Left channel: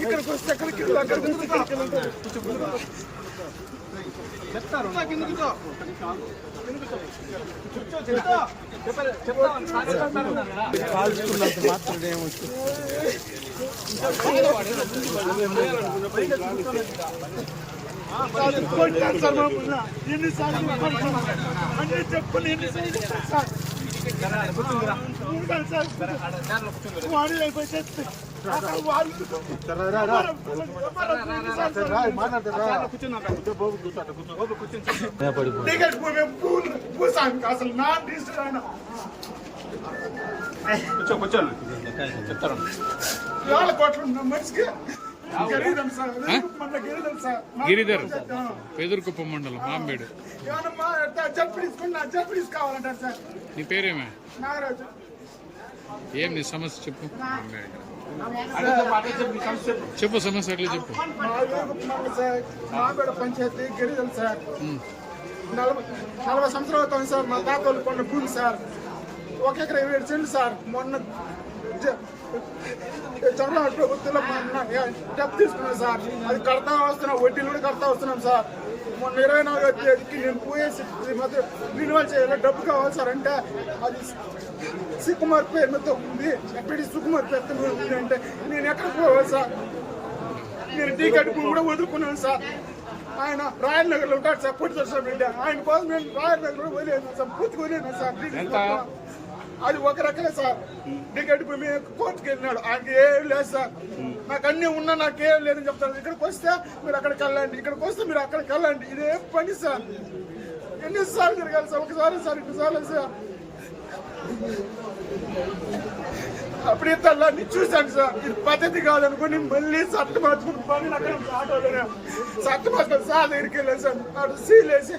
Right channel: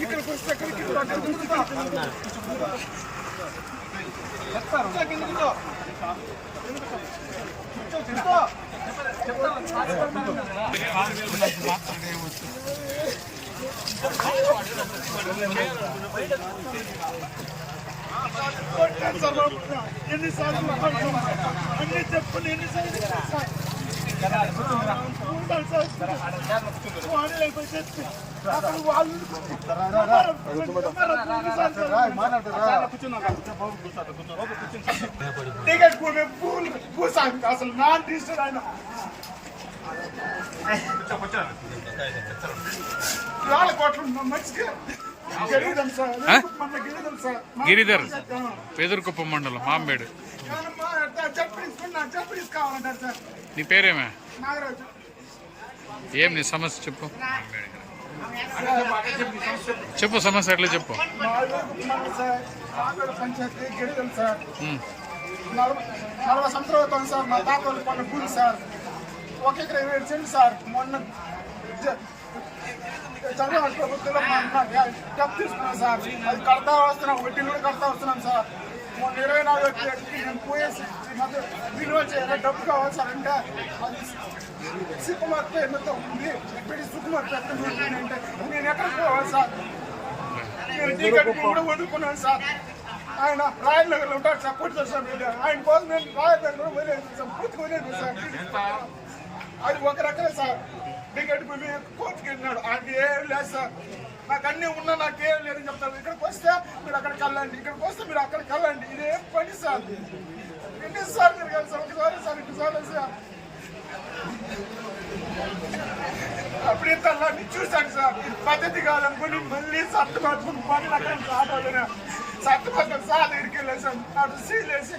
ఇక్కడికి వస్తే ఎక్కడికి చెప్తారు ఎన్నిసార్లు అన్ని చెప్పులు ఎన్నిసార్లు అసలు నాన్ రిజిస్టర్ ఆయన కూర్చోను వేల కోట్లు మంచిగా గిరిధర్ పేదూరుకుప్పం మండలం మాంబేడు. జడ్పీస్ కావాలంటారు సార్. నీ పేరేమే? నాగరాజు. ఏం నీ సమస్య చెప్పు. చెప్పు సమస్య ఎట్లా చెప్పు. మాంబేడు పంచాయతీ గిరిధర్ సార్. 40 సంవత్సరాలు అవుతుంది సార్. మా తాతలు కొన్న భూమి సార్. 1 ఎకరా 27 సెంట్లు సార్. మొన్న చంద్రబాబు ప్రభుత్వంలో డబ్బు తీసుకున్నాం సార్. అది కడతా వస్తున్నాం, వడ్డీలు కూడా కడతా వస్తున్నాం సార్. మొన్న 24వ తేదీకి నేను పోయేసి రిన్యూవల్ చేయాలి, డబ్బు కావాలి సార్ అంటే అది సుకుమార్ పేరుతో ఉంది. ఎప్పటి సుకుమార్ పేరుతో ఉంది అంటే నేను ఎక్కడికి పోవాలి సార్? నేను టికెట్ కూడా వదులుకున్నాను సార్. ఆయన రాయల్ నగర్లో ఉంటాడు సార్, పూర్తి దర్శనం బిడ్డ. ఆయన కోసం నేను రాయల్ నగర్ కూడా వదిలేదు సార్, పూర్తిగా వదిలేదు సార్. అది ఒక రకమే సార్. టికెట్ కోర్టుకి వెళ్ళినాడు, ఆయనకి ఏం లేదు సార్. నాకు అన్నీ ఉన్నా నాకేం లేదని చెప్తాను. ఇక్కడికి వస్తే మీరు అక్కడికి వెళ్ళండి, ఇక్కడికి వస్తే మీరు అక్కడికి వెళ్ళండి. ఇదేం పని సార్? ఎన్నిసార్లు తిరగాలి సార్? ఒకసారి సార్, ఇంకోసారి సార్. అప్పుడు ఇంతల్లాన్ని చూశాను సార్. ఇది పద్ధతి కాదనుకుని మళ్ళీ సత్తు మార్చుకుని పని అక్కడ ఆటోలోనే సత్తు మార్చుకొని సార్ దగ్గరికి వెళ్ళేసాను. అటు సీల్ వేసి